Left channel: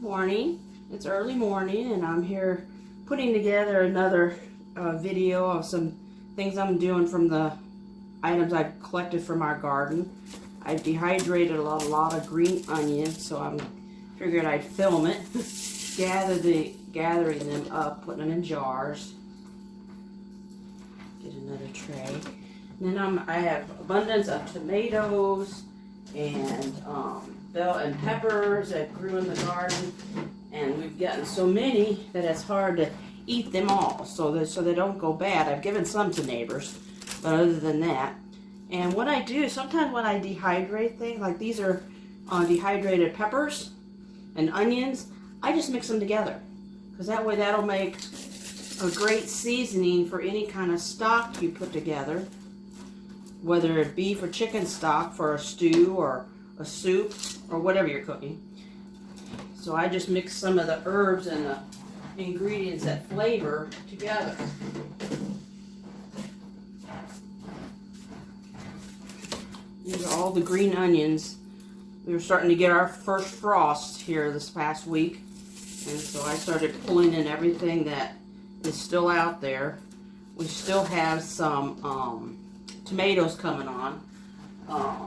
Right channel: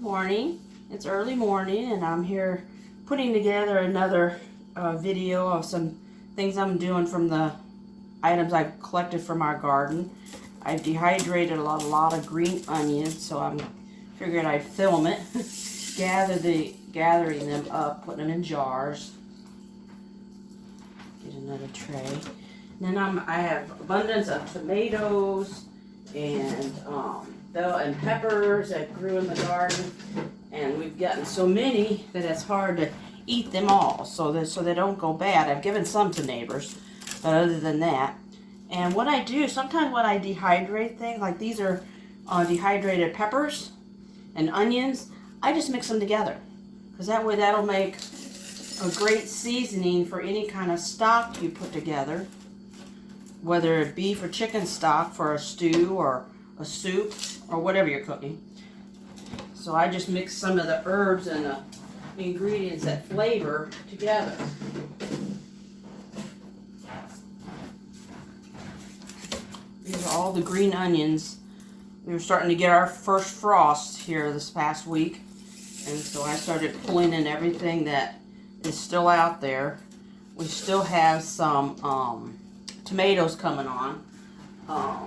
Good morning. It's early morning and I'm here putting together another video of some things I'm doing from the items I've collected from our garden. I've dehydrated a lot of green onions, so I figured I'd film it, gathering them up, putting them in jars. Get another tray. And then I have abundance of tomatoes and bell and peppers that grew in the garden, and we've gotten so many that it's hard to eat them all, so they don't go bad. I've given some to neighbors, but other than that, and what I do sometimes when I dehydrate things, like these are dehydrated peppers and onions, I just mix them together, because that way that'll make a great seasoning for any kind of stock you put together, whether it beef or chicken stock for a stew or a soup or whatever you're cooking. So I just mix some of the herbs and the ingredients that flavor together. These are all the green onions. We were starting to get our first frost here this past week, and so I started pulling in everything that is still out there. We still have some tomatoes coming on. I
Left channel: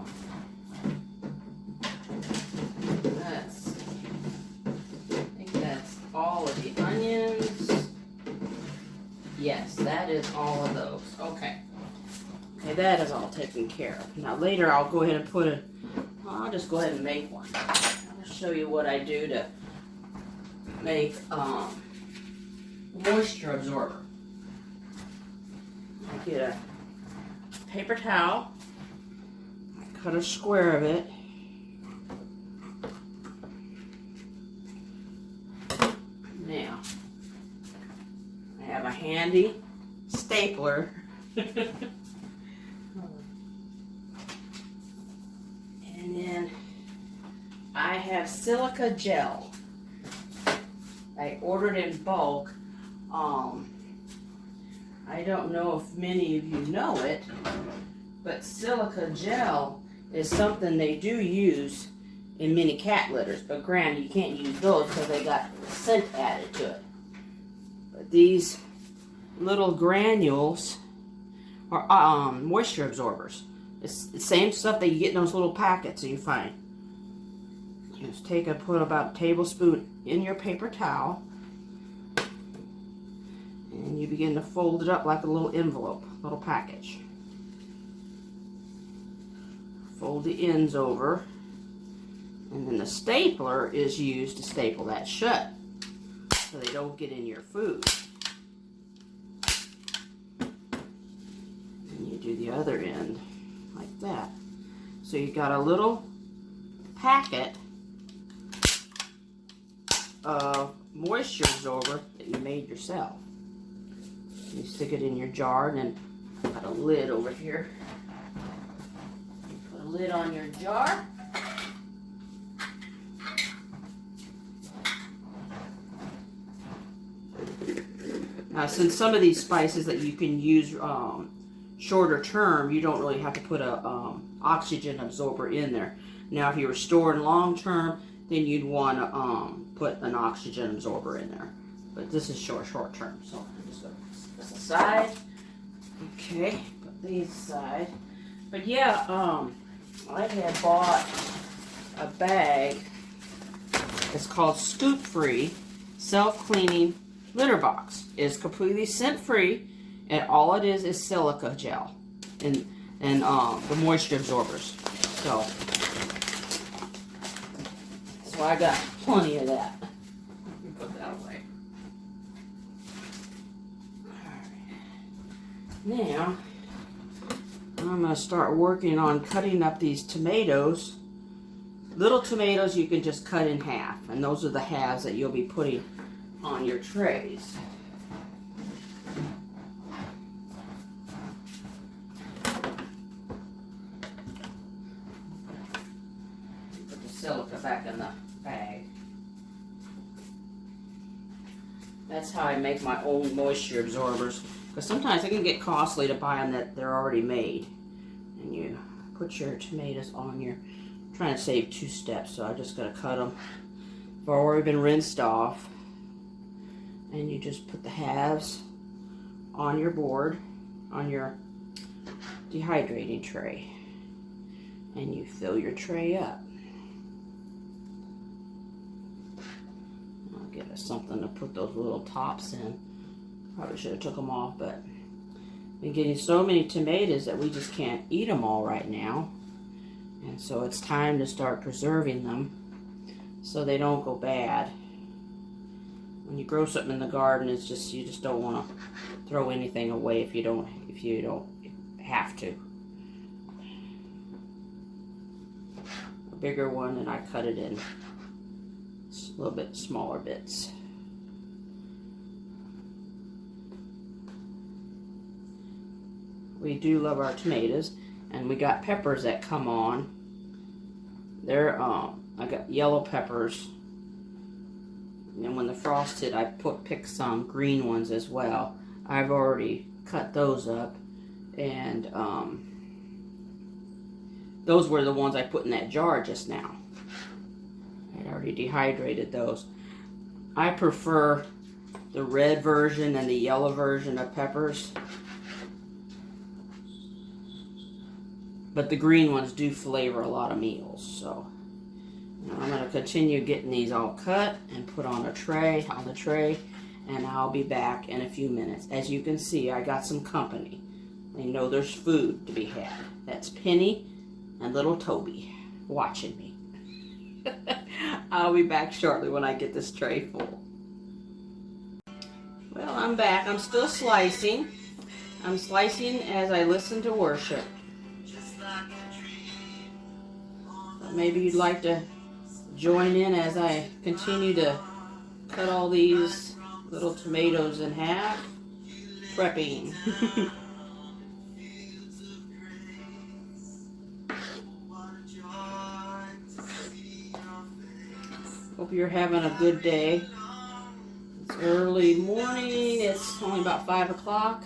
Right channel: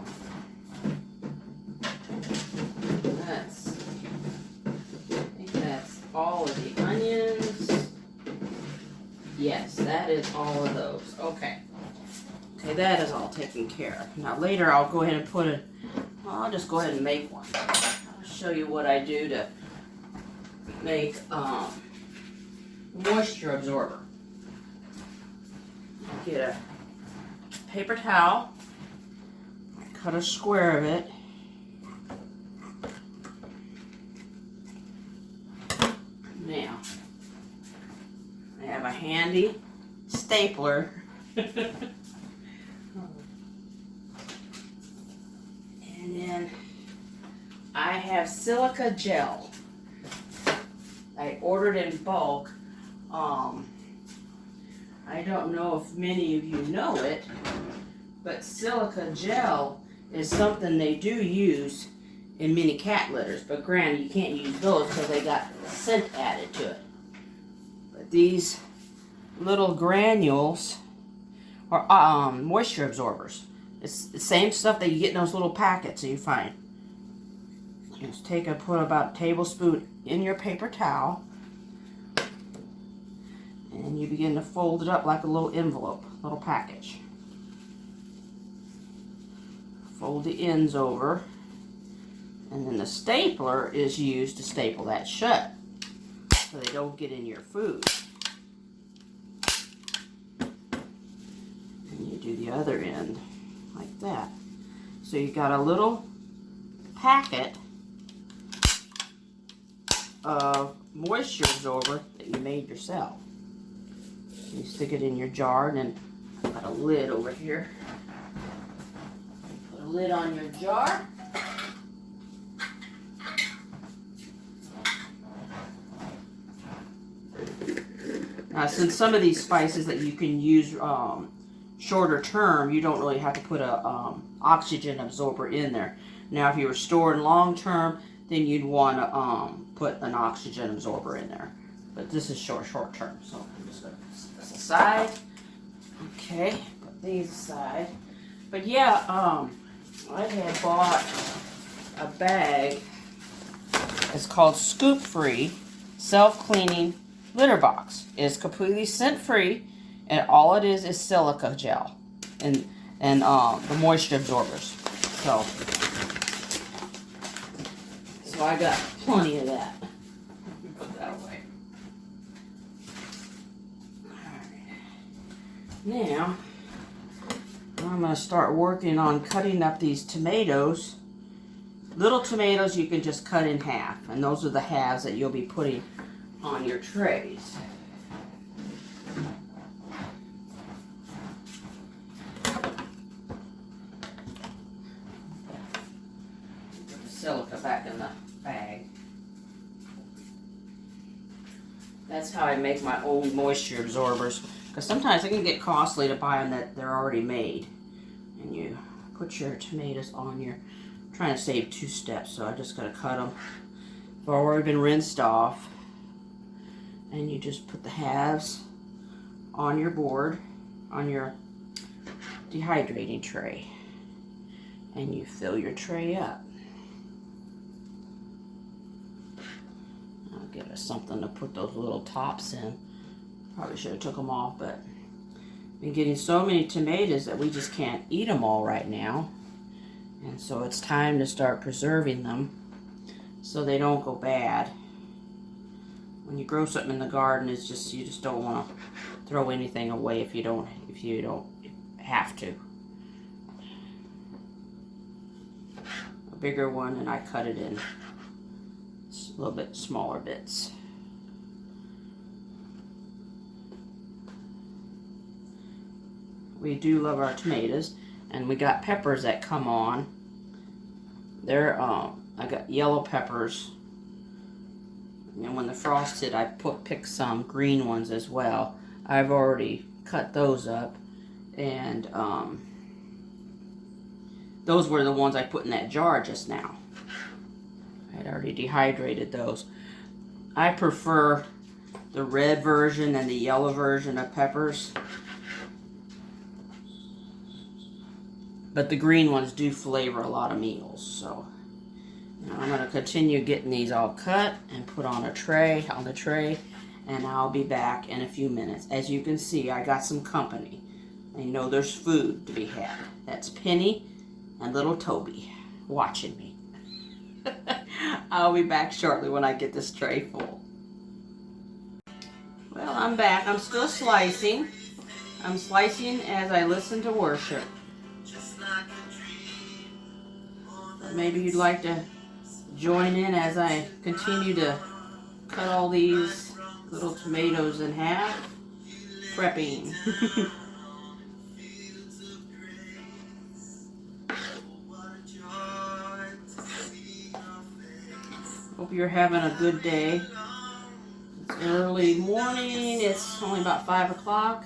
think that's all of the onions. Yes, that is all of those. Okay, that is all taken care of. Now later I'll go ahead and put it, I'll just go ahead and make one. I'll show you what I do to make moisture absorber. I get a paper towel, I cut a square of it, now I have a handy stapler and then I have silica gel. I ordered in bulk. I don't know if many of you know it, but silica gel is something they do use in many cat litters, but granted you can't use those because they got scent added to it. But these little granules are moisture absorbers. It's the same stuff that you get in those little packets that you find. Just put about a tablespoon in your paper towel, and you begin to fold it up like a little envelope, little package. Fold the ends over, and then the stapler is used to staple that shut so they don't get in your food. And you do the other end like that. So you've got a little packet of moisture absorber that you made yourself. You stick it in your jar, and then I've got a lid over here. Put a lid on your jar. Now, since some of these spices that you can use shorter term, you don't really have to put a oxygen absorber in there. Now, if you were storing long term, then you'd want to put an oxygen absorber in there. But this is short term, so I'm just going to put this aside. Okay, put these aside. But yeah, I had bought a bag. It's called Scoop Free Self-Cleaning Litter Box. It's completely scent-free, and all it is silica gel and the moisture absorbers. So I got plenty of that. Put that away. Alright. Now, I'm going to start working on cutting up these tomatoes. Little tomatoes you can just cut in half, and those are the halves that you'll be putting on your trays. Put the silica back in the bag. That's how I make my own moisture absorbers, because sometimes it can get costly to buy them that they're already made. And you put your tomatoes on your, I'm trying to save 2 steps, so I just gotta cut them They've already been rinsed off. And you just put the halves on your board, on your dehydrating tray. And you fill your tray up. I'll get us something to put those little tops in. Probably should have took them off, but been getting so many tomatoes that we just can't eat them all right now. And so it's time to start preserving them so they don't go bad. When you grow something in the garden, it's just, you just don't want to throw anything away if you don't have to. A bigger one, and I cut it in a little bit smaller bits. We do love our tomatoes, and we got peppers that come on. They're I got yellow peppers, and when the frost hit, I picked some green ones as well. I've already cut those up, and those were the ones I put in that jar just now. I had already dehydrated those. I prefer the red version and the yellow version of peppers, but the green ones do flavor a lot of meals. So now I'm going to continue getting these all cut and put on the tray, and I'll be back in a few minutes. As you can see, I got some company. I know there's food to be had. That's Penny and little Toby watching me. I'll be back shortly when I get this tray full. Well, I'm back. I'm still slicing. I'm slicing as I listen to worship. But maybe you'd like to join in as I continue to cut all these little tomatoes in half. Prepping. Hope you're having a good day. It's early morning. It's only about 5 o'clock.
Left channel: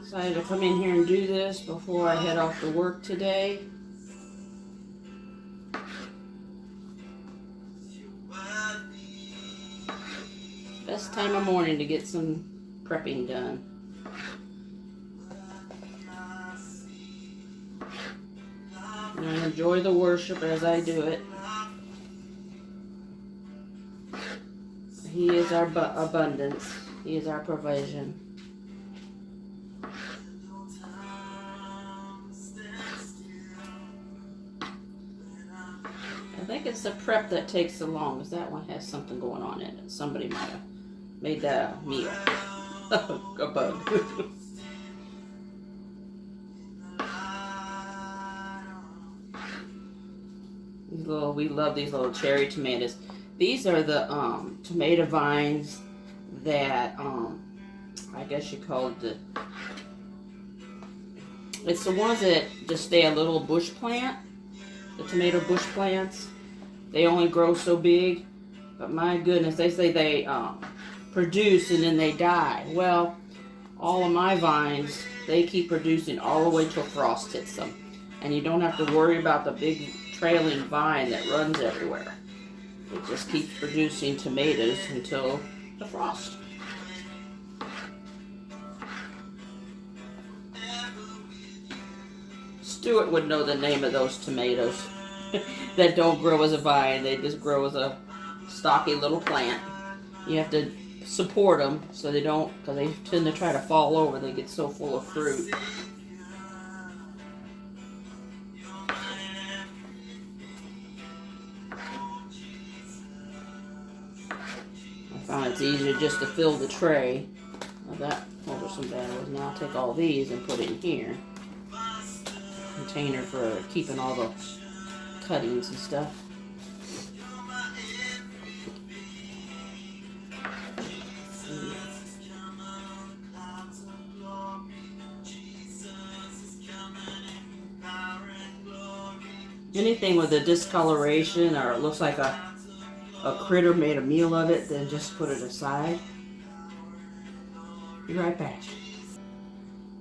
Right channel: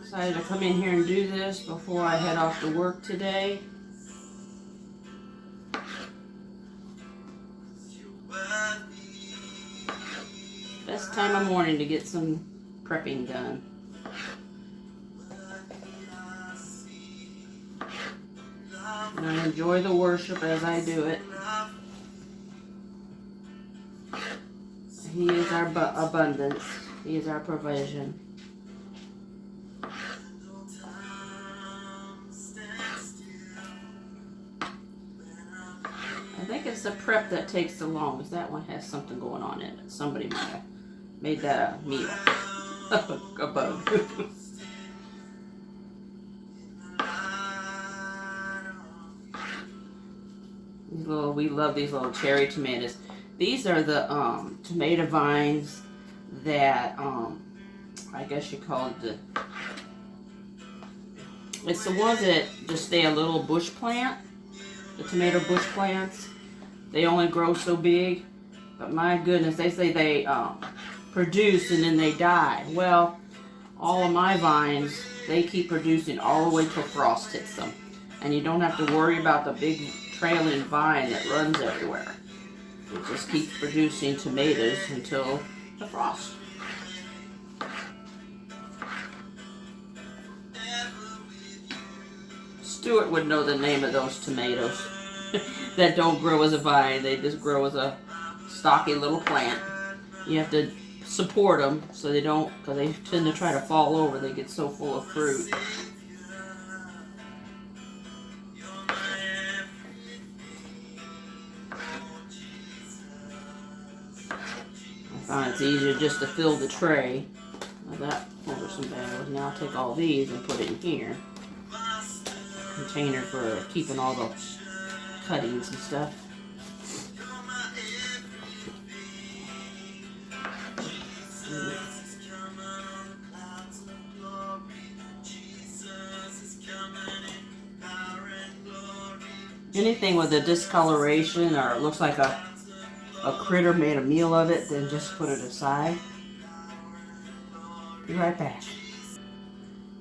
Decided to come in here and do this before I head off to work today. Best time of morning to get some prepping done. And I enjoy the worship as I do it. He is our abundance. He is our provision. I think it's the prep that takes the longest. That one has something going on in it. Somebody might have made that a meal. A bug. We love these little cherry tomatoes. These are the tomato vines that I guess you call it it's the ones that just stay a little bush plant. The tomato bush plants. They only grow so big, but my goodness, they say they produce and then they die. Well, all of my vines, they keep producing all the way till frost hits them, and you don't have to worry about the big trailing vine that runs everywhere. It just keeps producing tomatoes until the frost. Stuart would know the name of those tomatoes that don't grow as a vine. They just grow as a stocky little plant. You have to support them so they don't, because they tend to try to fall over. They get so full of fruit. I found it's easier just to fill the tray. Those are some bad ones. Now I'll take all these and put it in here. Container for keeping all the cuttings and stuff. Anything with a discoloration or it looks like a critter made a meal of it, then just put it aside. Be right back.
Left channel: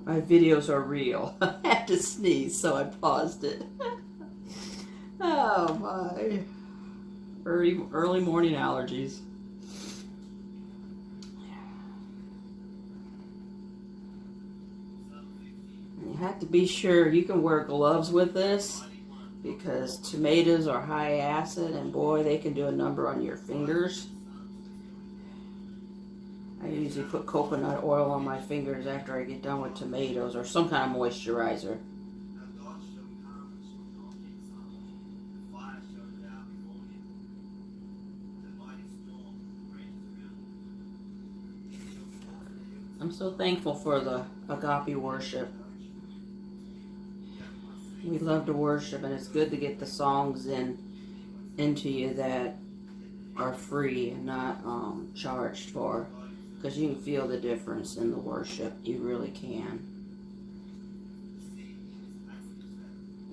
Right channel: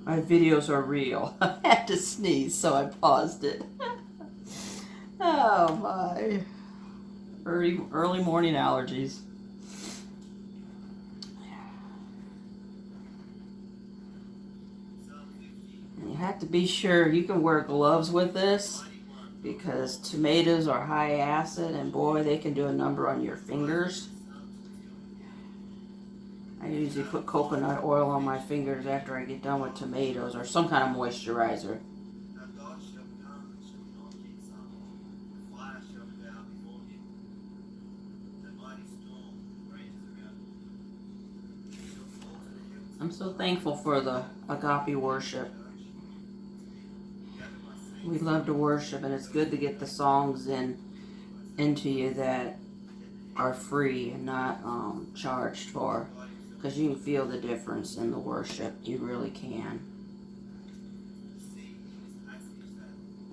My videos are real. I had to sneeze, so I paused it. Oh my. Early morning allergies. And you have to be sure you can wear gloves with this, because tomatoes are high acid, and boy, they can do a number on your fingers. I usually put coconut oil on my fingers after I get done with tomatoes, or some kind of moisturizer. I'm so thankful for the agape worship. We love to worship, and it's good to get the songs into you that are free and not charged for, because you can feel the difference in the worship. You really can.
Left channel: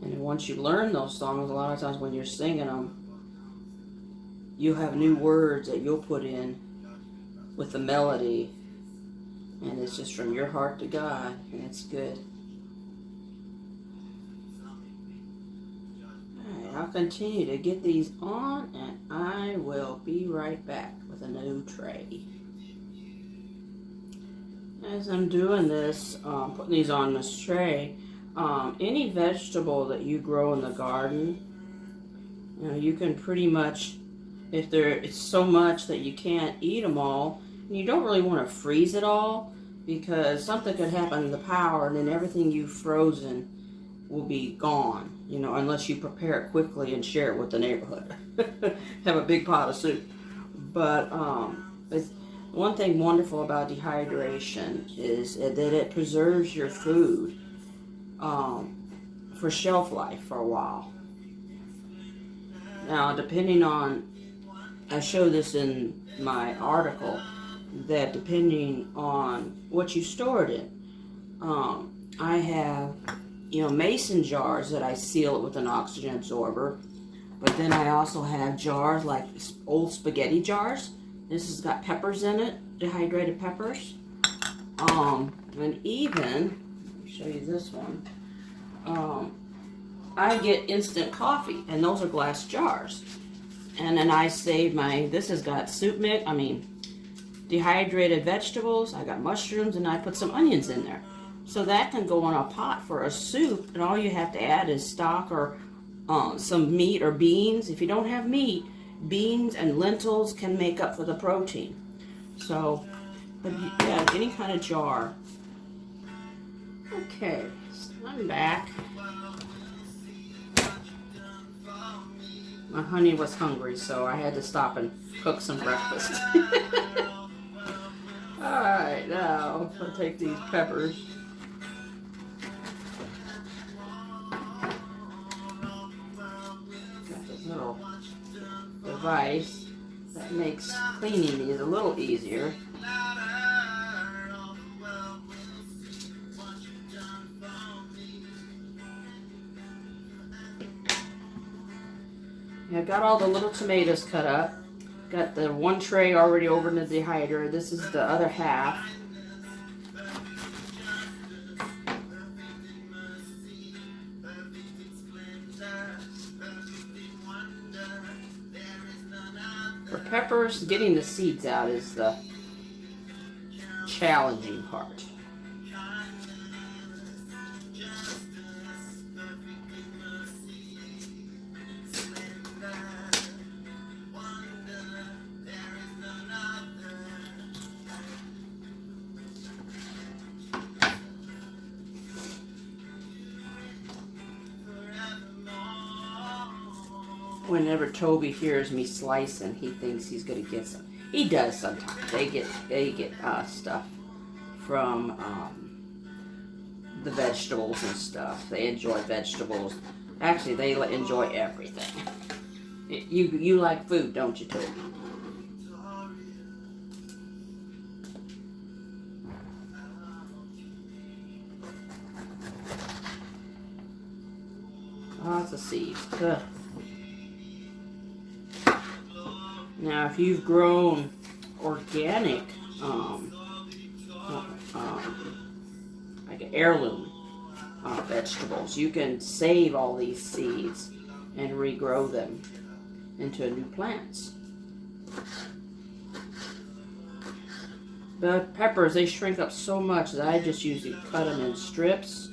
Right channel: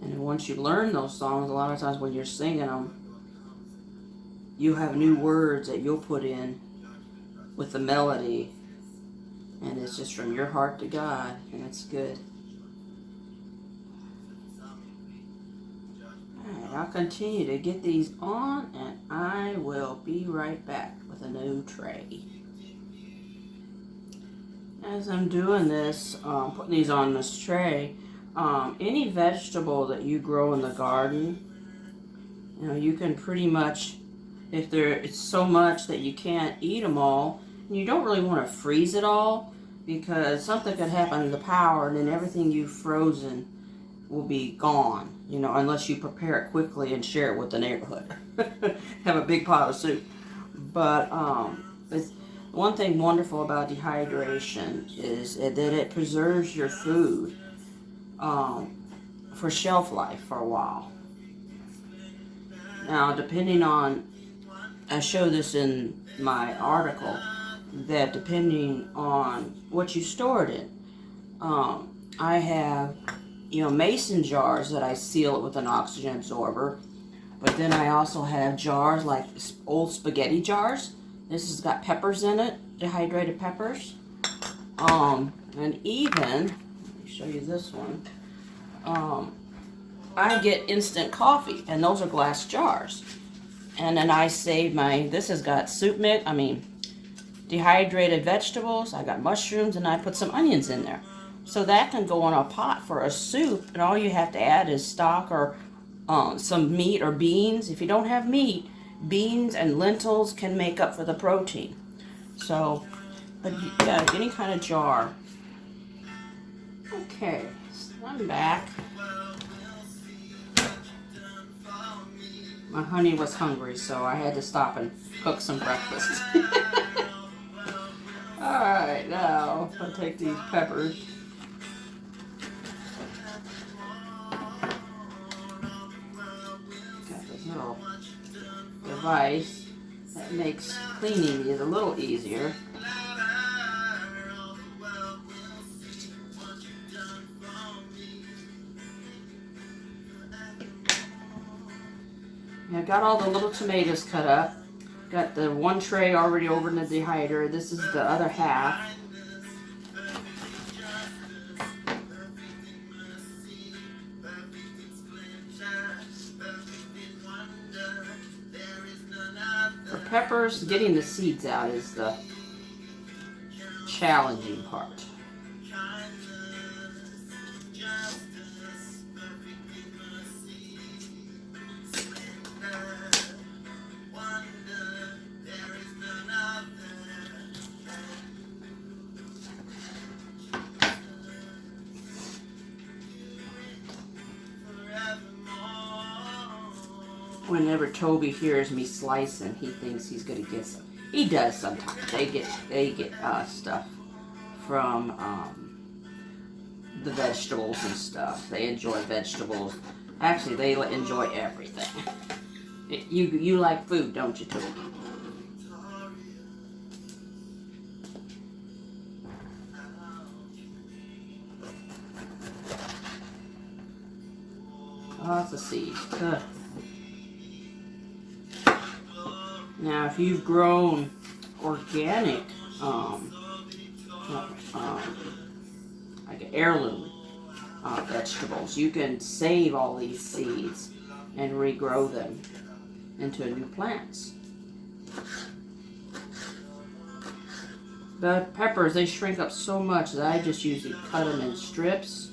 And once you learn those songs, a lot of times when you're singing them, you have new words that you'll put in with the melody, and it's just from your heart to God, and it's good. Alright, I'll continue to get these on, and I will be right back with a new tray. As I'm doing this, putting these on this tray, any vegetable that you grow in the garden, you can pretty much, if it's so much that you can't eat them all, and you don't really want to freeze it all, because something could happen to the power, and then everything you've frozen will be gone, unless you prepare it quickly and share it with the neighborhood. Have a big pot of soup. But one thing wonderful about dehydration is that it preserves your food for shelf life for a while. Now, depending on, I show this in my article, that depending on what you store it in, I have, mason jars that I seal it with an oxygen absorber, but then I also have jars like old spaghetti jars. This has got peppers in it, dehydrated peppers, and even, let me show you this one, I get instant coffee, and those are glass jars. And then I save this has got dehydrated vegetables, I got mushrooms, and I put some onions in there. So that can go in a pot for a soup, and all you have to add is stock or some meat or beans. If you don't have meat, beans and lentils can make up for the protein. So, but you got any kind of jar. Okay, so I'm back. My honey was hungry, so I had to stop and cook some breakfast. Alright, now I'll take these peppers. Got this little device that makes cleaning these a little easier. I got all the little tomatoes cut up. Got the one tray already over in the dehydrator. This is the other half. For peppers, getting the seeds out is the challenging part. Whenever Toby hears me slicing, he thinks he's gonna get some. He does sometimes. They get stuff from the vegetables and stuff. They enjoy vegetables. Actually, they enjoy everything. You like food, don't you, Toby? Lots of seeds. Ugh. Now, if you've grown organic, like heirloom vegetables, you can save all these seeds and regrow them. into new plants. The peppers, they shrink up so much that I just usually cut them in strips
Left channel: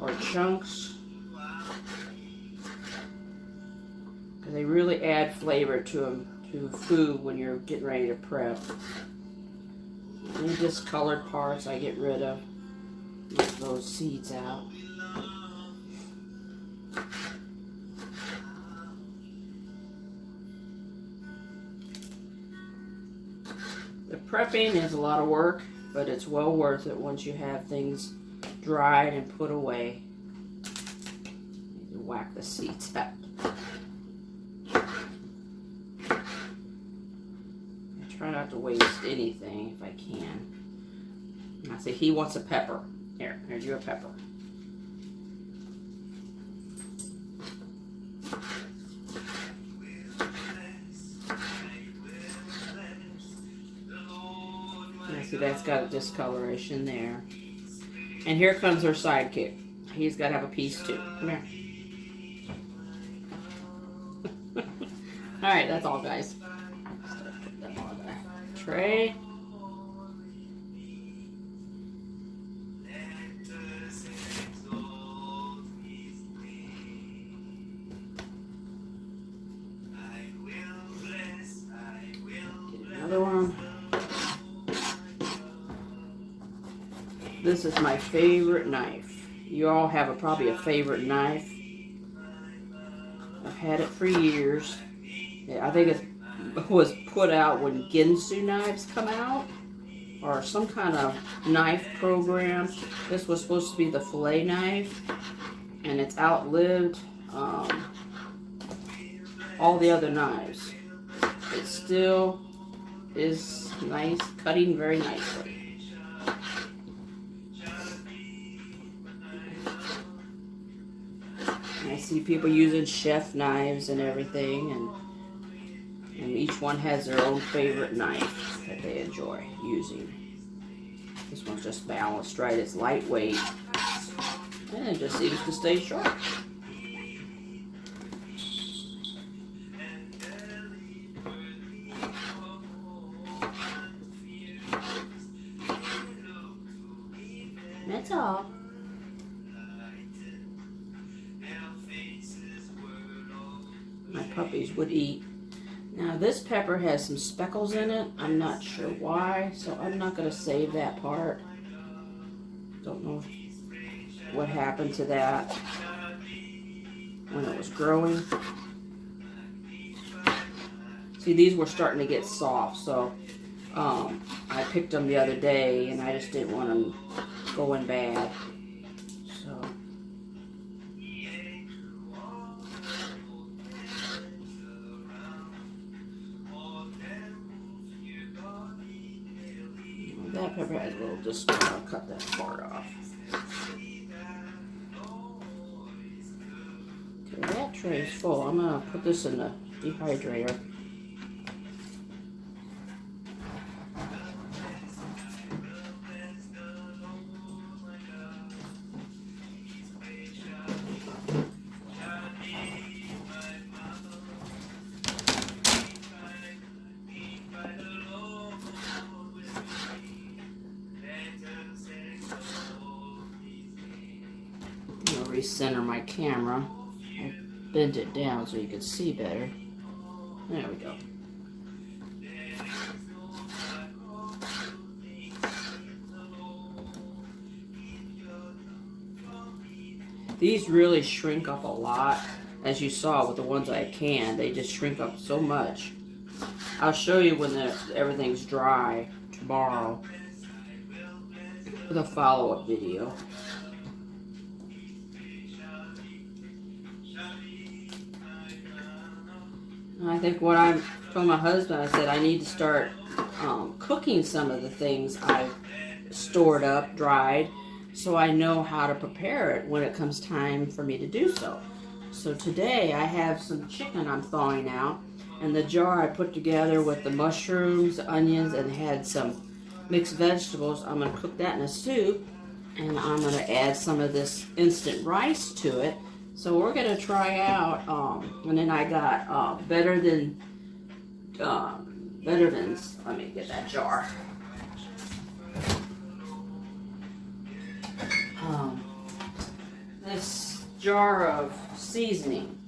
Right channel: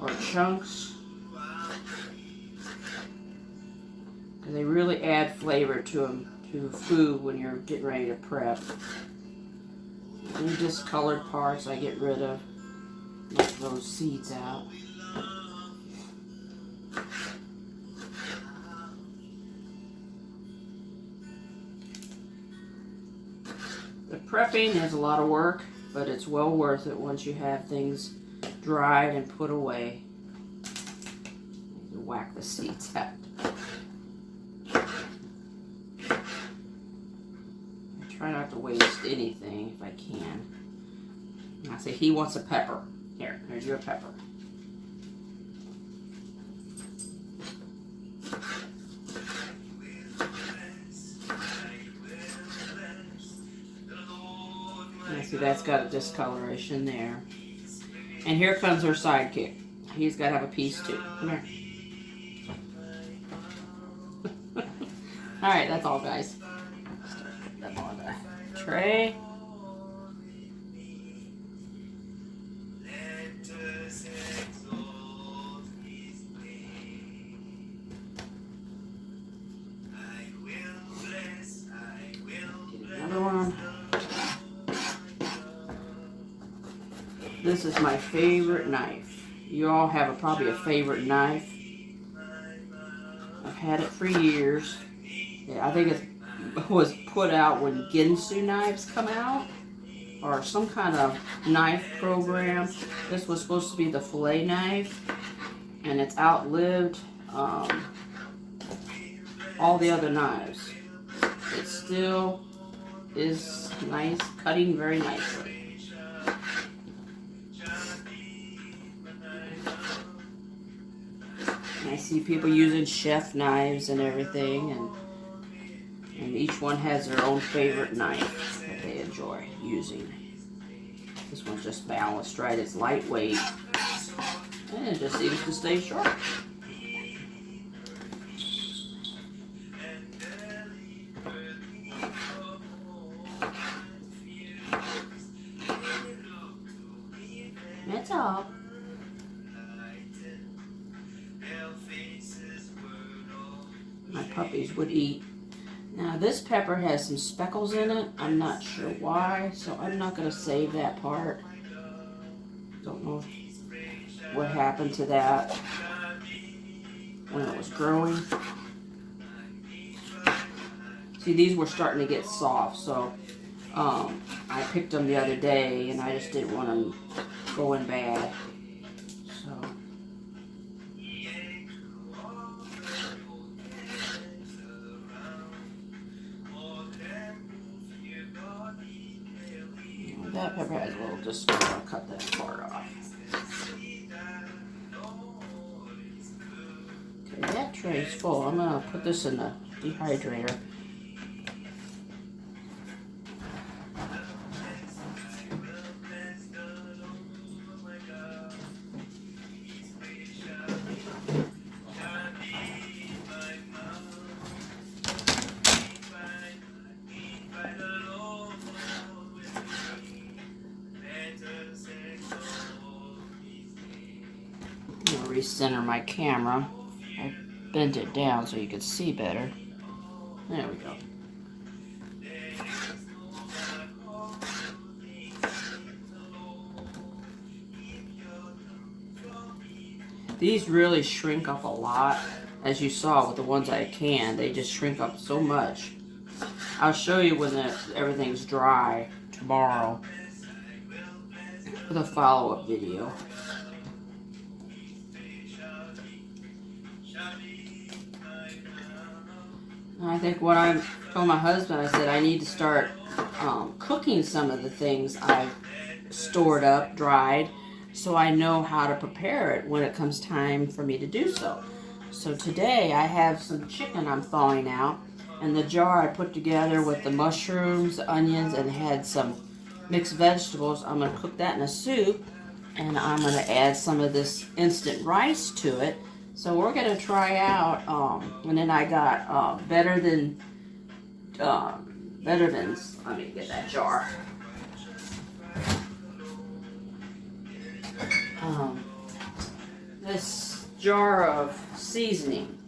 or chunks. Because they really add flavor to them, to food when you're getting ready to prep. Any discolored parts I get rid of. Knock those seeds out. The prepping is a lot of work, but it's well worth it once you have things dried and put away. You whack the seeds out. I try not to waste anything if I can. I say, he wants a pepper. Here's your pepper. See, that's got a discoloration there. And here comes our sidekick. He's got to have a piece too. Come here. Alright, that's all, guys. Start putting them on the tray. Another one. This is my favorite knife. You all have probably a favorite knife. I've had it for years. Yeah, I think it was put out when Ginsu knives come out, or some kind of knife program. This was supposed to be the fillet knife, and it's outlived all the other knives. It still is nice, cutting very nicely. I see people using chef knives and everything, and each one has their own favorite knife that they enjoy using. This one's just balanced right. It's lightweight, and it just seems to stay sharp. That's all. My puppies would eat. Now this pepper has some speckles in it. I'm not sure why, so I'm not going to save that part. Don't know what happened to that when it was growing. See, these were starting to get soft, so I picked them the other day, and I just didn't want them going bad. So that pepper has a little discolour. I'll cut that part off. Okay, that tray is full. I'm going to put this in the dehydrator. Recenter my camera. I bent it down so you could see better. There we go. These really shrink up a lot, as you saw with the ones I canned. They just shrink up so much. I'll show you when everything's dry tomorrow with a follow-up video. I think what I told my husband, I said I need to start cooking some of the things I've stored up, dried, so I know how to prepare it when it comes time for me to do so. So today I have some chicken I'm thawing out, and the jar I put together with the mushrooms, the onions, and had some mixed vegetables. I'm going to cook that in a soup, and I'm going to add some of this instant rice to it So we're gonna try out, and then I got Better Than, let me get that jar. This jar of seasoning.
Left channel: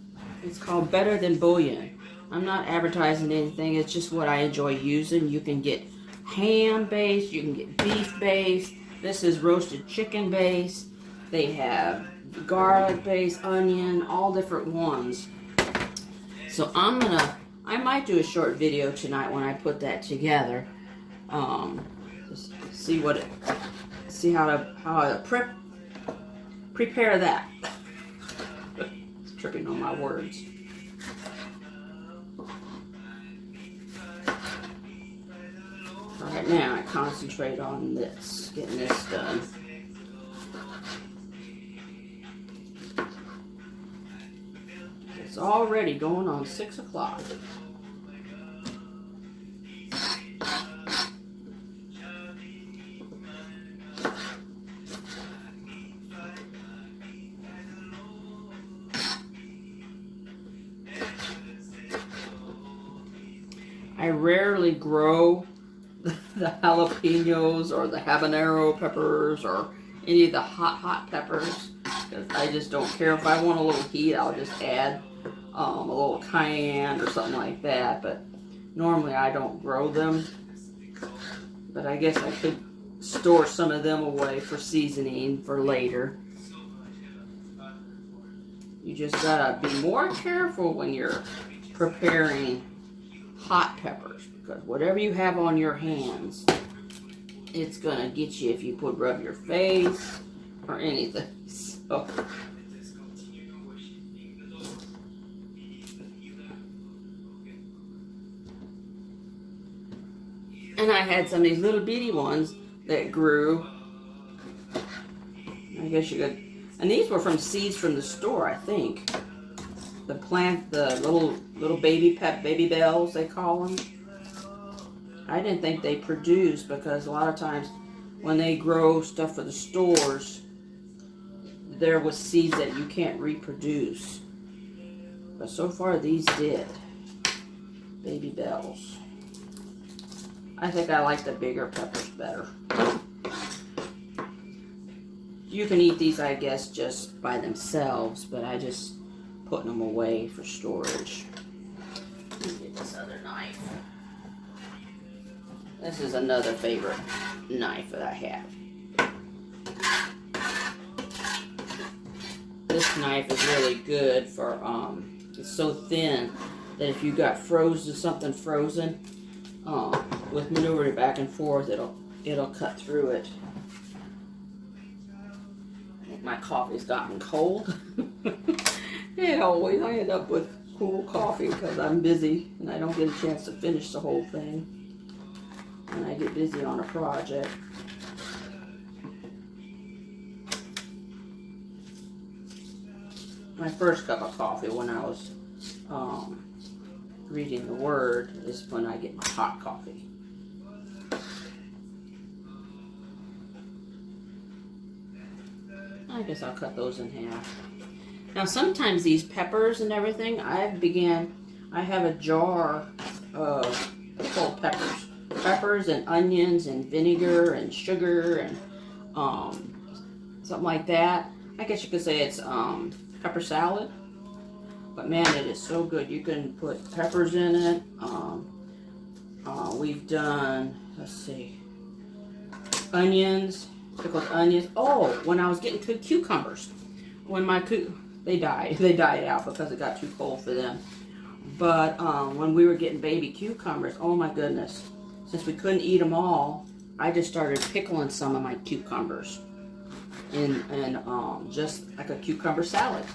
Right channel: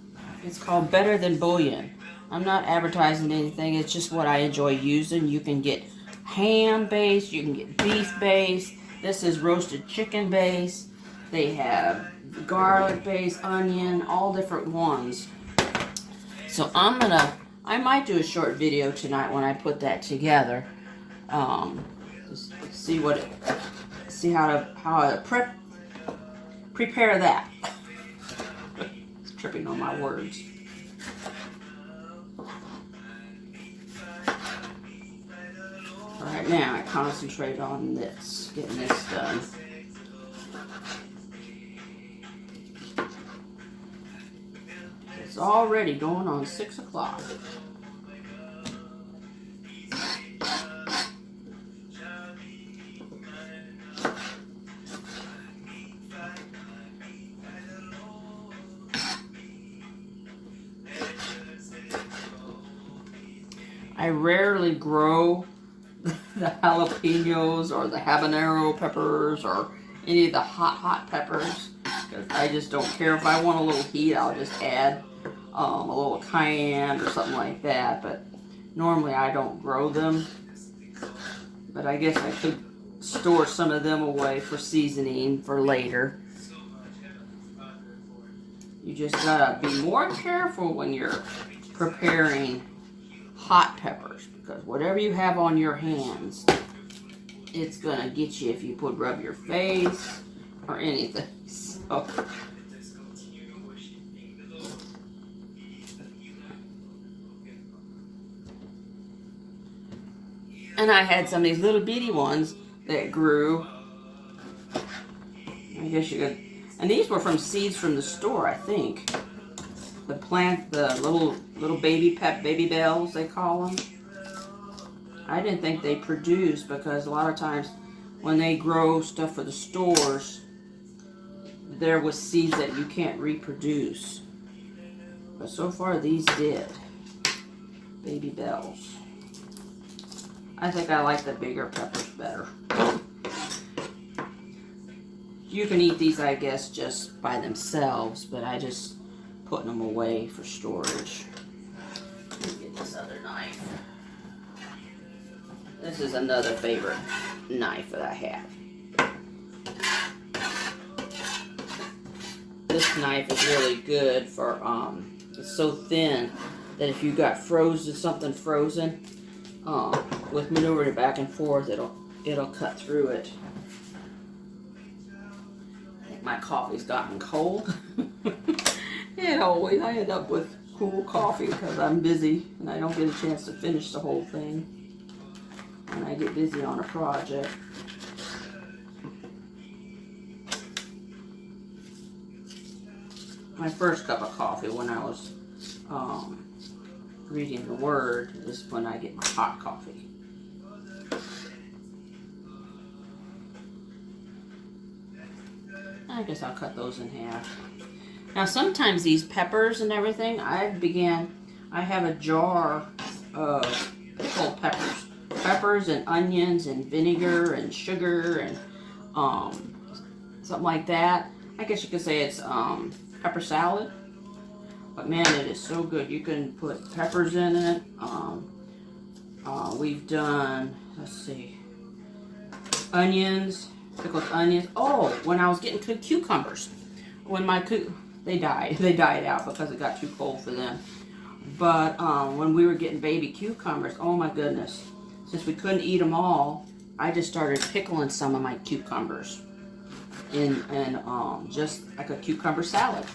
It's called Better Than Bouillon. I'm not advertising anything. It's just what I enjoy using. You can get ham based. You can get beef based. This is roasted chicken based. They have garlic based, onion, all different ones. So I might do a short video tonight when I put that together. Just see how to prepare that. It's tripping on my words. Right now, I concentrate on this, getting this done. It's already going on 6 o'clock. I rarely grow the jalapenos or the habanero peppers or any of the hot peppers. I just don't care. If I want a little heat, I'll just add a little cayenne or something like that. But normally I don't grow them. But I guess I could store some of them away for seasoning for later. You just gotta be more careful when you're preparing hot peppers, because whatever you have on your hands, it's gonna get you if you rub your face or anything. So and I had some of these little bitty ones that grew. I guess you could, and these were from seeds from the store, I think. The plant, the little baby bells, they call them. I didn't think they produced, because a lot of times when they grow stuff for the stores, there was seeds that you can't reproduce. But so far these did. Baby bells. I think I like the bigger peppers better. You can eat these, I guess, just by themselves, but I just putting them away for storage. Let me get this other knife. This is another favorite knife that I have. This knife is really good for, it's so thin that if you got something frozen, with maneuvering it back and forth, it'll cut through it. I think my coffee's gotten cold. And always I end up with cool coffee because I'm busy and I don't get a chance to finish the whole thing when I get busy on a project. My first cup of coffee when I was reading the Word is when I get my hot coffee. I guess I'll cut those in half. Now sometimes these peppers and everything, I have a jar of pickled peppers. Peppers and onions and vinegar and sugar and something like that. I guess you could say it's pepper salad. But man, it is so good. You can put peppers in it. We've done, let's see, onions, pickled onions. Oh, when I was getting cucumbers, when they died out because it got too cold for them. But when we were getting baby cucumbers, oh my goodness, since we couldn't eat them all, I just started pickling some of my cucumbers in just like a cucumber salad.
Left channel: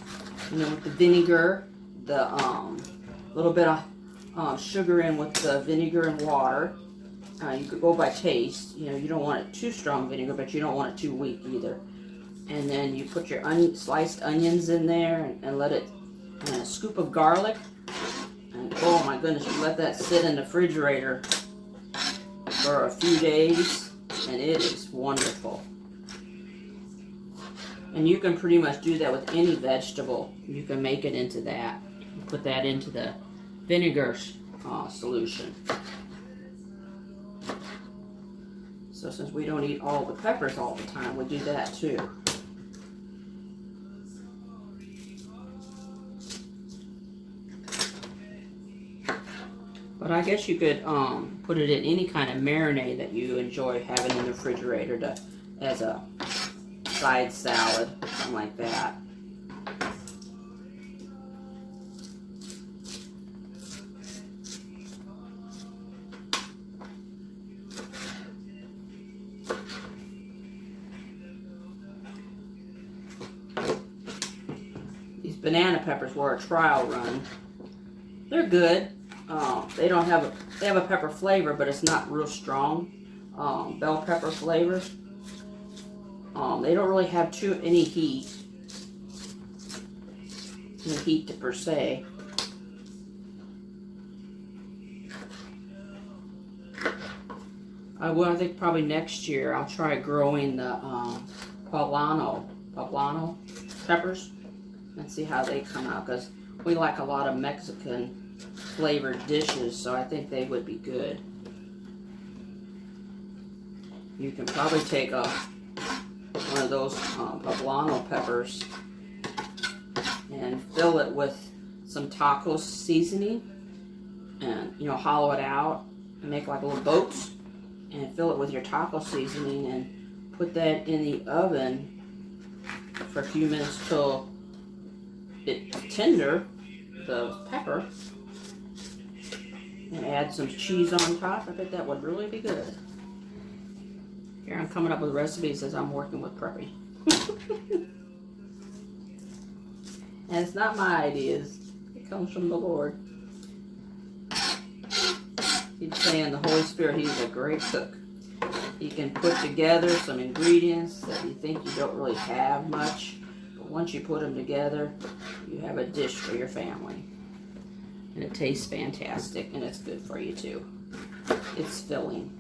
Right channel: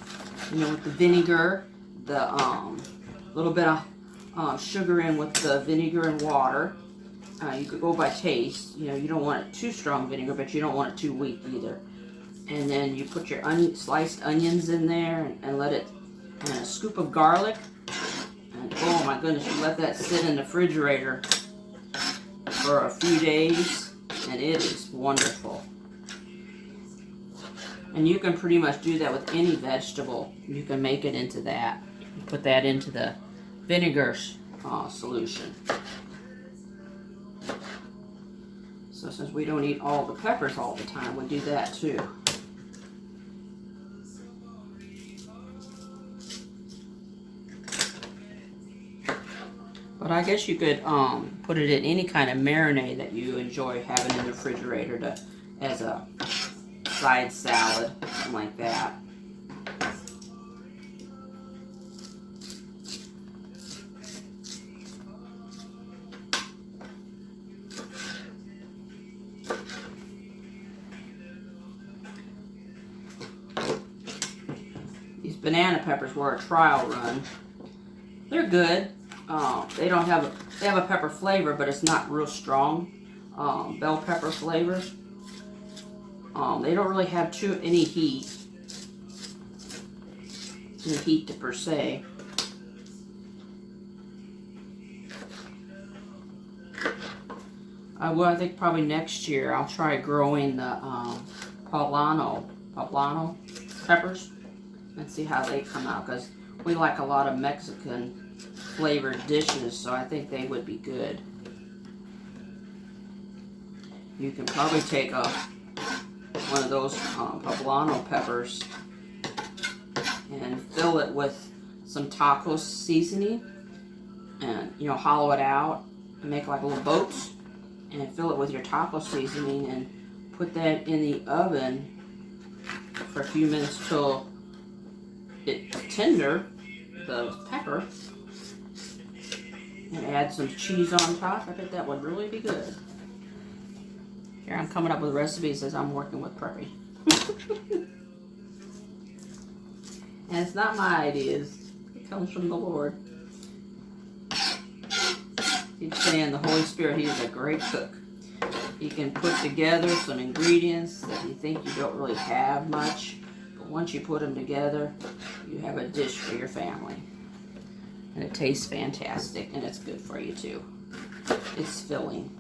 You know, with the vinegar, the little bit of sugar in with the vinegar and water. You could go by taste. You know, you don't want it too strong vinegar, but you don't want it too weak either. And then you put your sliced onions in there and let it, and a scoop of garlic. And oh my goodness, you let that sit in the refrigerator for a few days, and it is wonderful. And you can pretty much do that with any vegetable. You can make it into that. You put that into the vinegar solution. So since we don't eat all the peppers all the time, we do that too. But I guess you could put it in any kind of marinade that you enjoy having in the refrigerator as a side salad, something like that. These banana peppers were a trial run. They're good. They have a pepper flavor, but it's not real strong. Bell pepper flavor. They don't really have any heat per se. I think probably next year I'll try growing the poblano peppers and see how they come out, because we like a lot of Mexican flavored dishes, so I think they would be good. You can probably take one of those poblano peppers and fill it with some taco seasoning, and hollow it out and make like little boats, and fill it with your taco seasoning and put that in the oven for a few minutes till it's tender, the pepper, and add some cheese on top. I bet that would really be good. Here I'm coming up with recipes as I'm working with Preppy. And it's not my ideas. It comes from the Lord. He's saying the Holy Spirit, He's a great cook. He can put together some ingredients that you think you don't really have much, but once you put them together, you have a dish for your family. And it tastes fantastic, and it's good for you too. It's filling.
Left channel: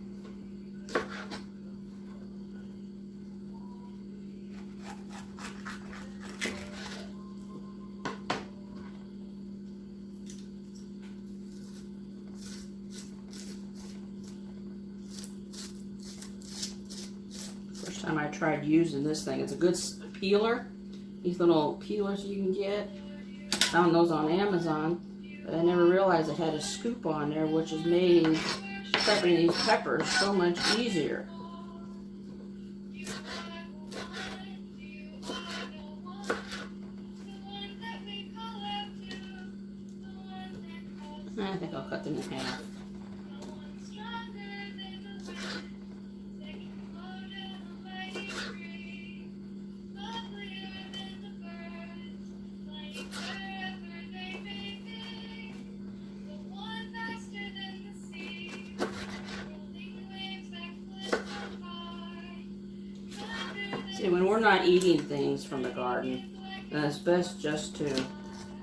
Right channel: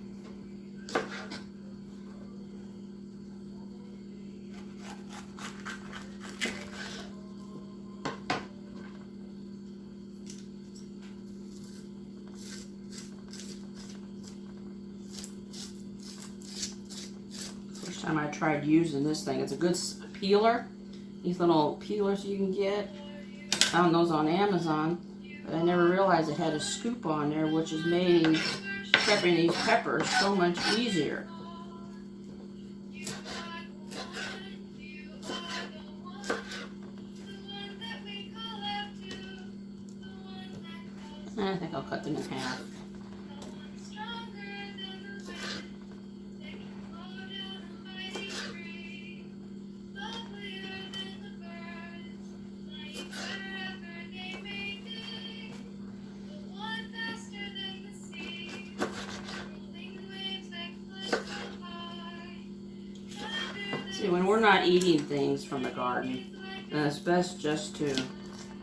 First time I tried using this thing, it's a good peeler. These little peelers you can get. Found those on Amazon. But I never realized it had a scoop on there, which has made prepping these peppers so much easier. I think I'll cut them in half. See, when we're not eating things from the garden, then it's best just to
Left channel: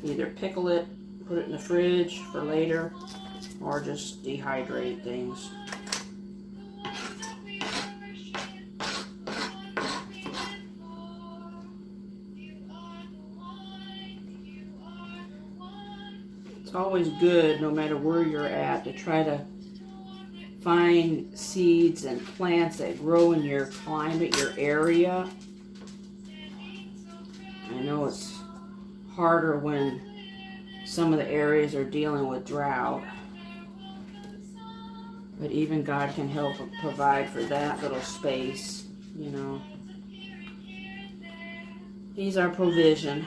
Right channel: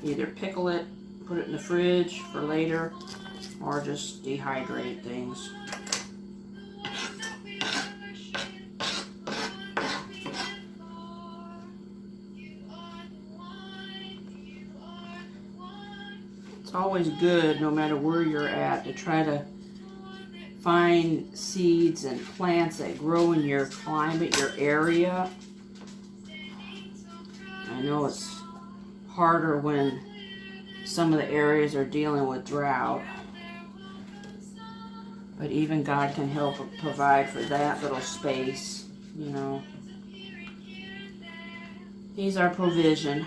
either pickle it, put it in the fridge for later, or just dehydrate things. It's always good, no matter where you're at, to try to find seeds and plants that grow in your climate, your area. I know it's harder when some of the areas are dealing with drought, but even God can help provide for that little space, He's our provision.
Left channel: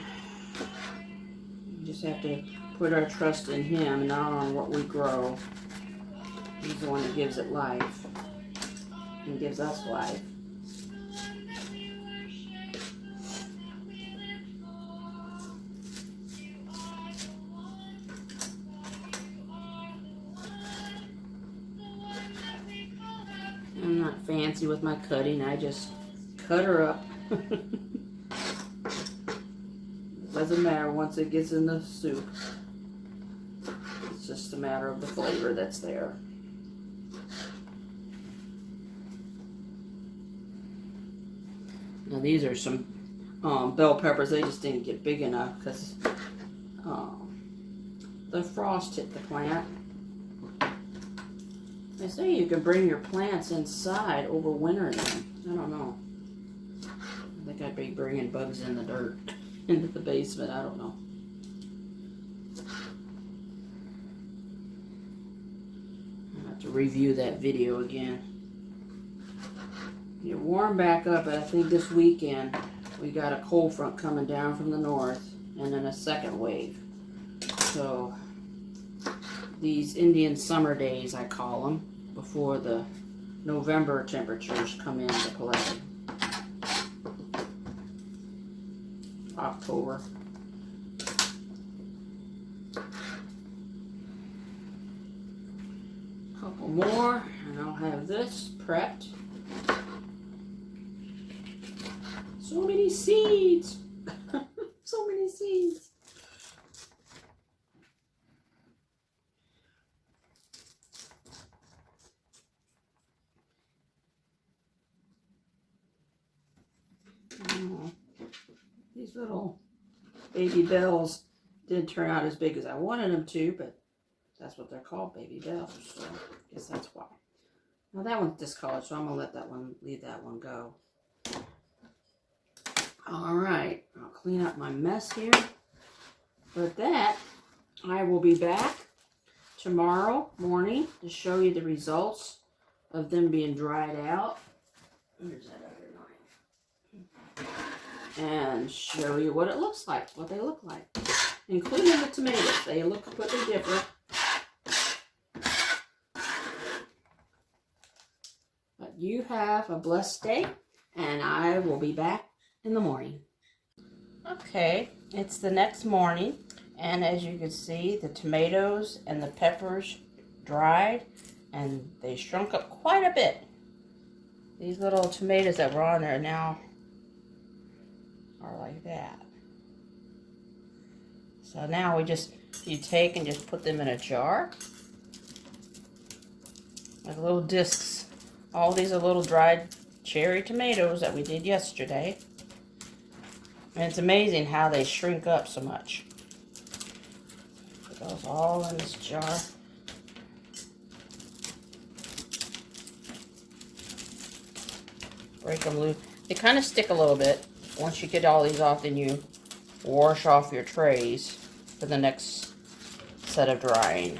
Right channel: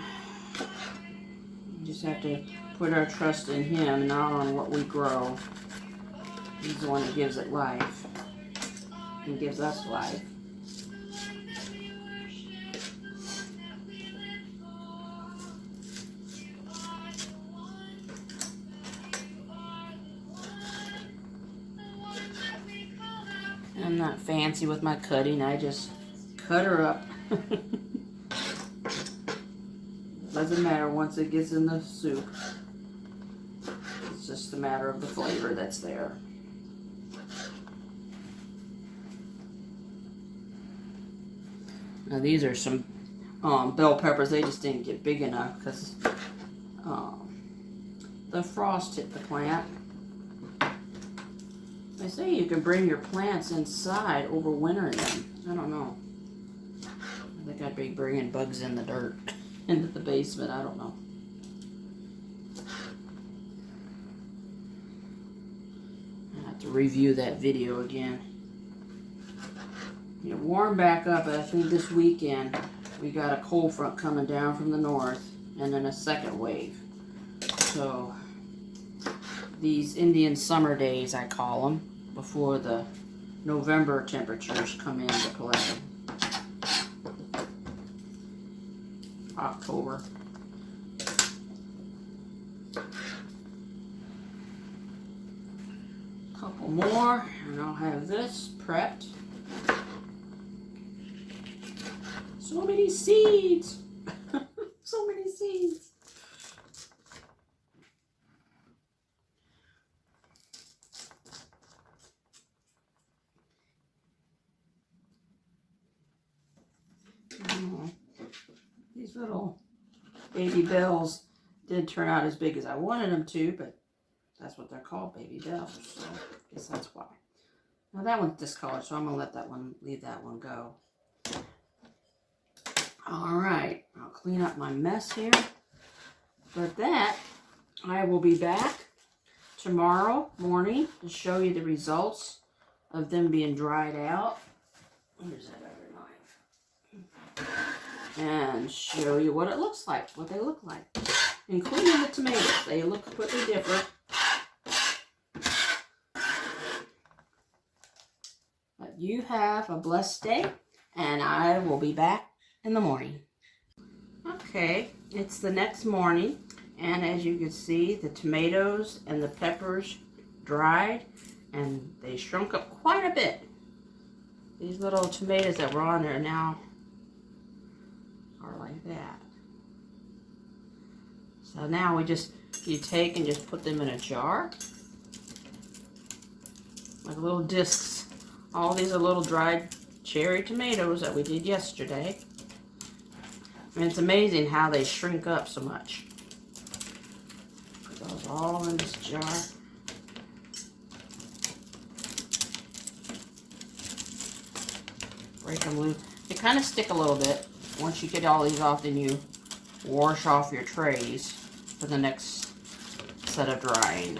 We just have to put our trust in Him, not on what we grow. He's the one that gives it life and gives us life. I'm not fancy with my cutting. I just cut her up. Doesn't matter once it gets in the soup. It's just a matter of the flavor that's there. Now these are some bell peppers, they just didn't get big enough because the frost hit the plant. They say you can bring your plants inside over wintering them. I don't know. I think I'd be bringing bugs in the dirt into the basement. I don't know. I have to review that video again. It warmed back up. I think this weekend we got a cold front coming down from the north and then a second wave. So these Indian summer days, I call them, before the November temperatures come into play. October. Couple more and I'll have this prepped. So many seeds. So many seeds. Oh, these little baby bells didn't turn out as big as I wanted them to, but that's what they're called, baby bells. So I guess that's why. Now that one's discolored, so I'm gonna let that one, leave that one go. All right, I'll clean up my mess here. But that, I will be back tomorrow morning to show you the results of them being dried out. Where's that other knife? And show you what it looks like, what they look like, including the tomatoes. They look completely different. But you have a blessed day, and I will be back in the morning. Okay, it's the next morning, and as you can see, the tomatoes and the peppers dried, and they shrunk up quite a bit. These little tomatoes that were on there now are like that. So now you take and just put them in a jar, like little discs. All these are little dried cherry tomatoes that we did yesterday. And it's amazing how they shrink up so much. Put those all in this jar. Break them loose. They kind of stick a little bit. Once you get all these off, then you wash off your trays for the next set of drying.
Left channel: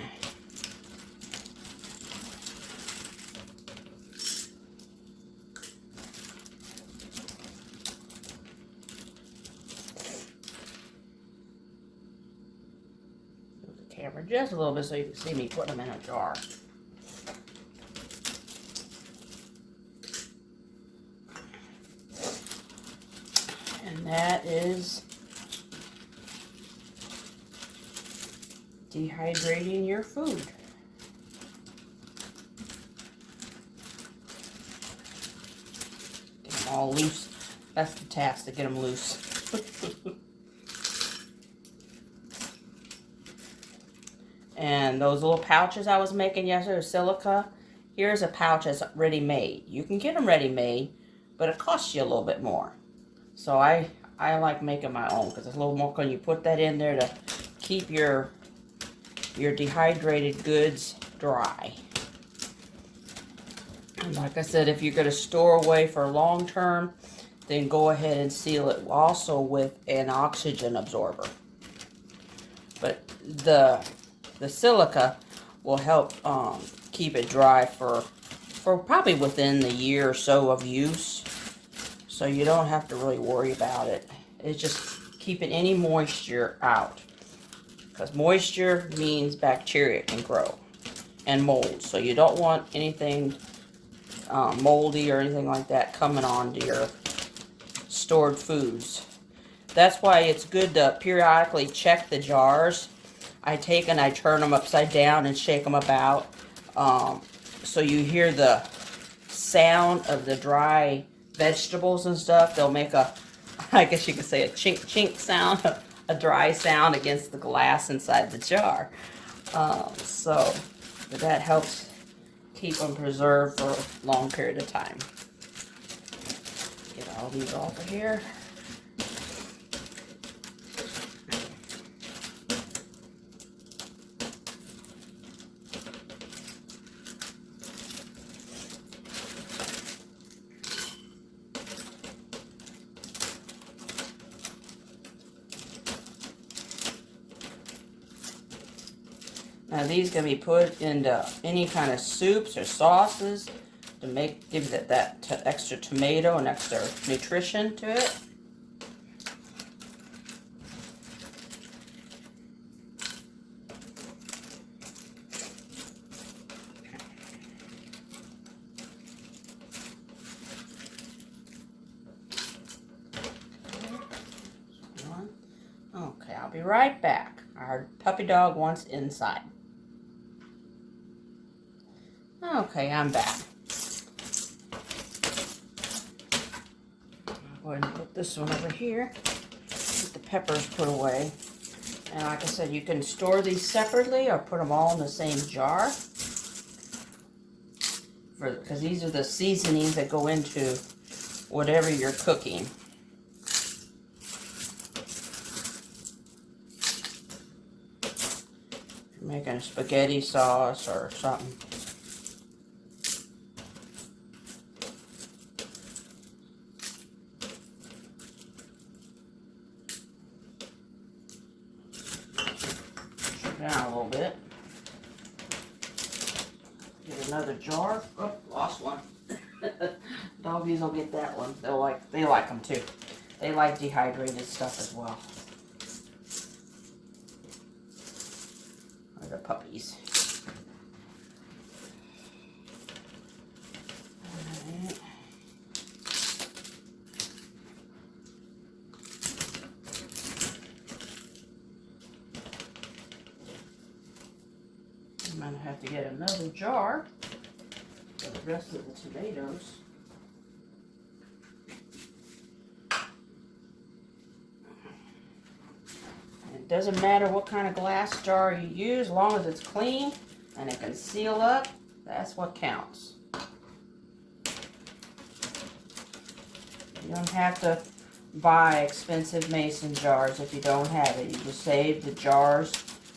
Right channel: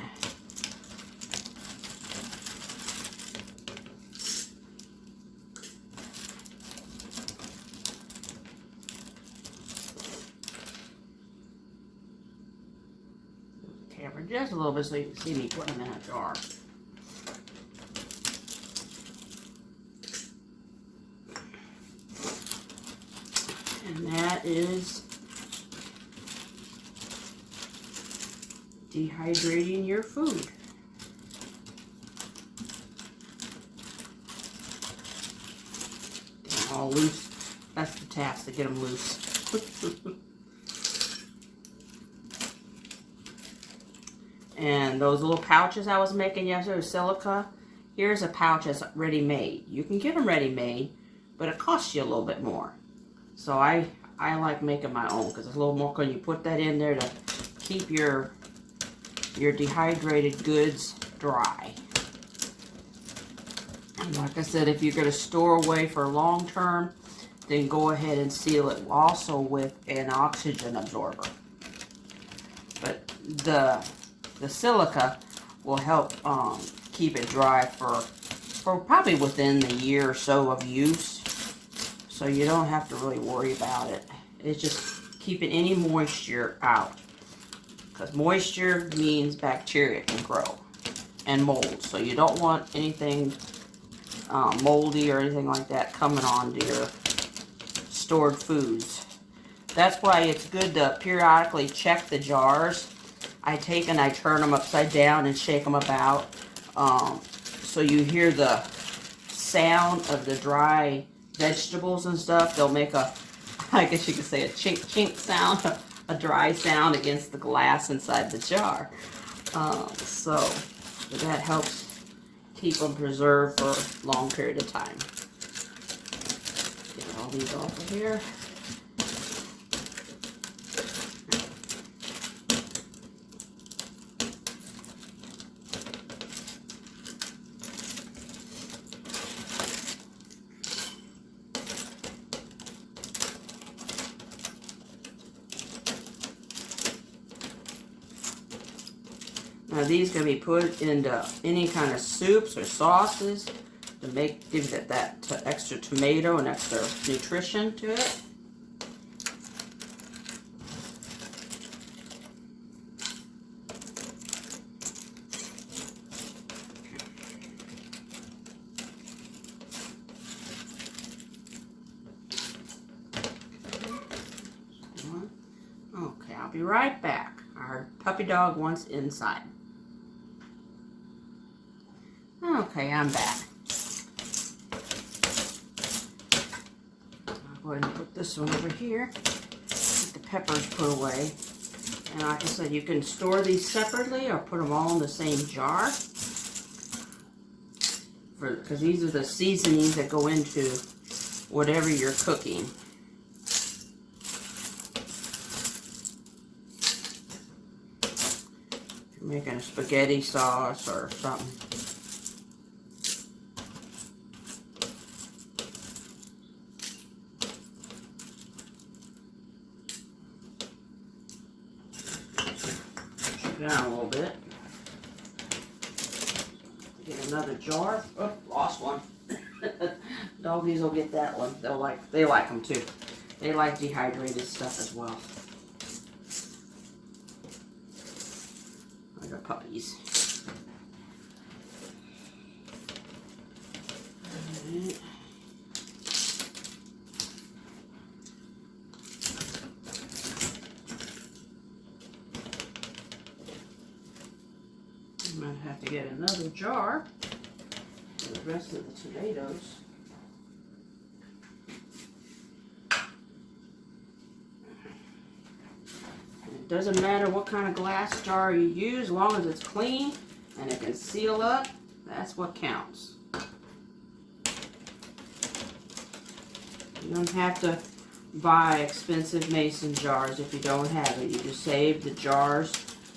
Camera just a little bit so you can see me put them in a jar. And that is dehydrating your food. Get them all loose. That's the task, to get them loose. And those little pouches I was making yesterday, silica, here's a pouch that's ready made. You can get them ready made, but it costs you a little bit more. So I like making my own because it's a little more, when you put that in there to keep your dehydrated goods dry. And like I said, if you're going to store away for long term, then go ahead and seal it also with an oxygen absorber. But the silica will help keep it dry for probably within the year or so of use. So you don't have to really worry about it. It's just keeping any moisture out. Because moisture means bacteria can grow and mold. So you don't want anything moldy or anything like that coming onto your stored foods. That's why it's good to periodically check the jars. I take and I turn them upside down and shake them about. So you hear the sound of the dry vegetables and stuff. They'll make a, I guess you could say, a chink chink sound, a dry sound against the glass inside the jar. So that helps keep them preserved for a long period of time. Get all these off of here. Now these can be put into any kind of soups or sauces to give that extra tomato and extra nutrition to it. Okay, I'll be right back. Our puppy dog wants inside. Okay, I'm back. I'll go ahead and put this one over here. Get the peppers put away. And like I said, you can store these separately or put them all in the same jar. Because these are the seasonings that go into whatever you're cooking. Making a spaghetti sauce or something. Push it down a little bit. Get another jar. Oh, lost one. Doggies will get that one. They like them too. They like dehydrated stuff as well. The puppies. Right. I'm going to have to get another jar for the rest of the tomatoes. It doesn't matter what kind of glass jar you use, as long as it's clean and it can seal up, that's what counts. You don't have to buy expensive mason jars if you don't have it. You just save the jars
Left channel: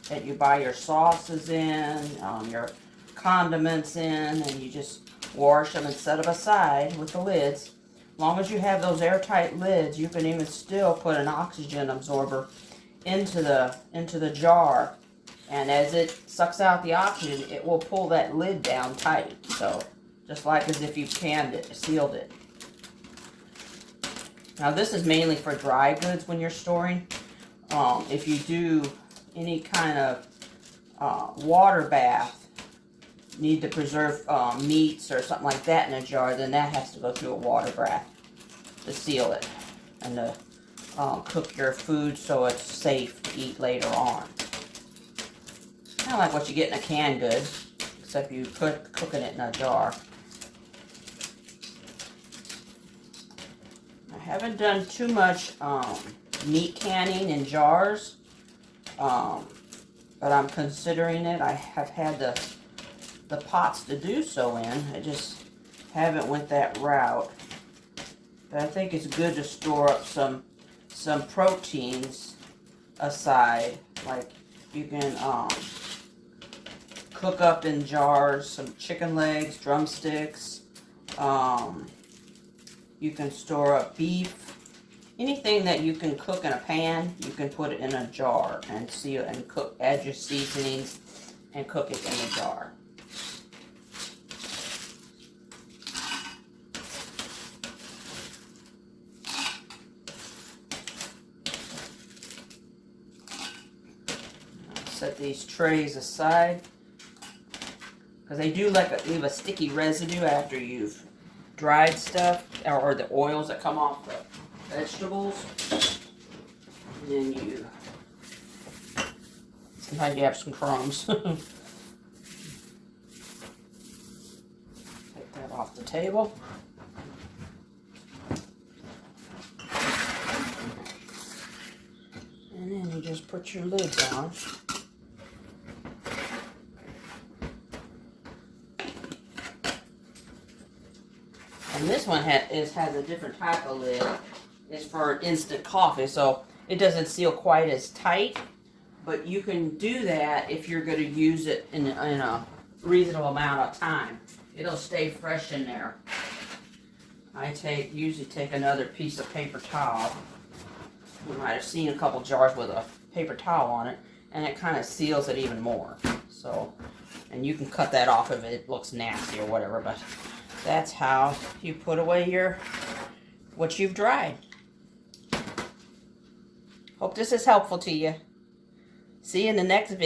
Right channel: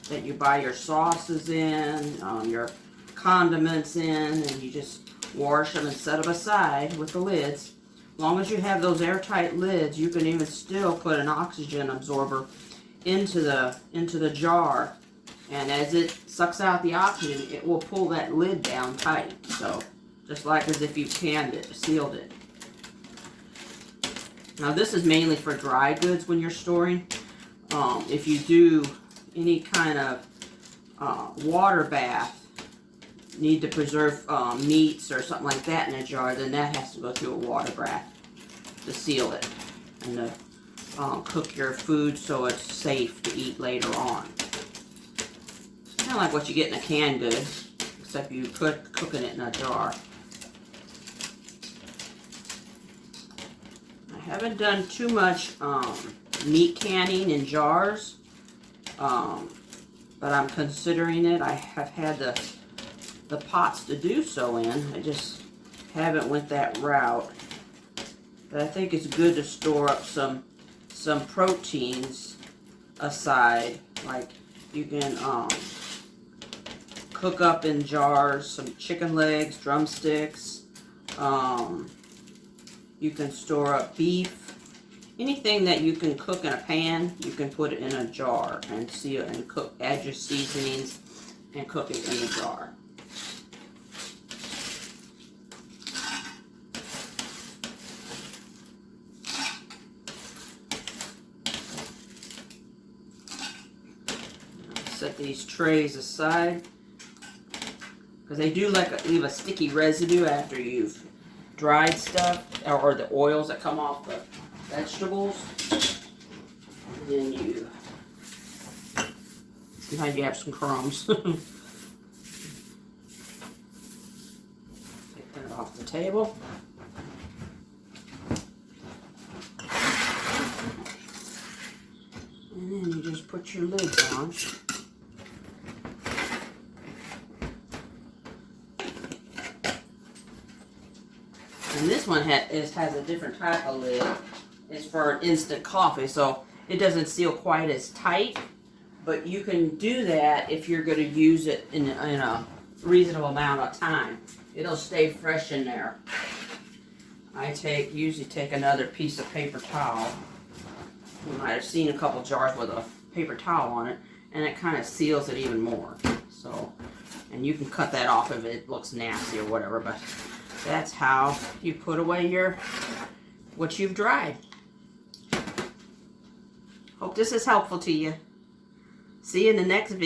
that you buy your sauces in, your condiments in, and you just wash them and set them aside with the lids. As long as you have those airtight lids, you can even still put an oxygen absorber into the jar, and as it sucks out the oxygen, it will pull that lid down tight. So just like as if you canned it, sealed it. Now this is mainly for dry goods when you're storing. If you do any kind of water bath, need to preserve meats or something like that in a jar, then that has to go through a water bath to seal it and to cook your food so it's safe to eat later on. Kind of like what you get in a canned good, except you cooking it in a jar. I haven't done too much meat canning in jars, but I'm considering it. I have had the pots to do so in. I just haven't went that route. But I think it's good to store up some proteins aside. Like you can cook up in jars some chicken legs, drumsticks. You can store up beef. Anything that you can cook in a pan, you can put it in a jar and seal and cook. Add your seasonings and cook it in the jar. Set these trays aside because they do leave a sticky residue after you've dried stuff, or the oils that come off the vegetables. And then sometimes you have some crumbs. Take that off the table. And then you just put your lid down. And this one has a different type of lid. It's for instant coffee, so it doesn't seal quite as tight. But you can do that if you're going to use it in a reasonable amount of time. It'll stay fresh in there. I usually take another piece of paper towel. You might have seen a couple jars with a paper towel on it, and it kind of seals it even more. So, and you can cut that off if it looks nasty or whatever, but that's how you put away what you've dried. Hope this is helpful to you. See you in the next video.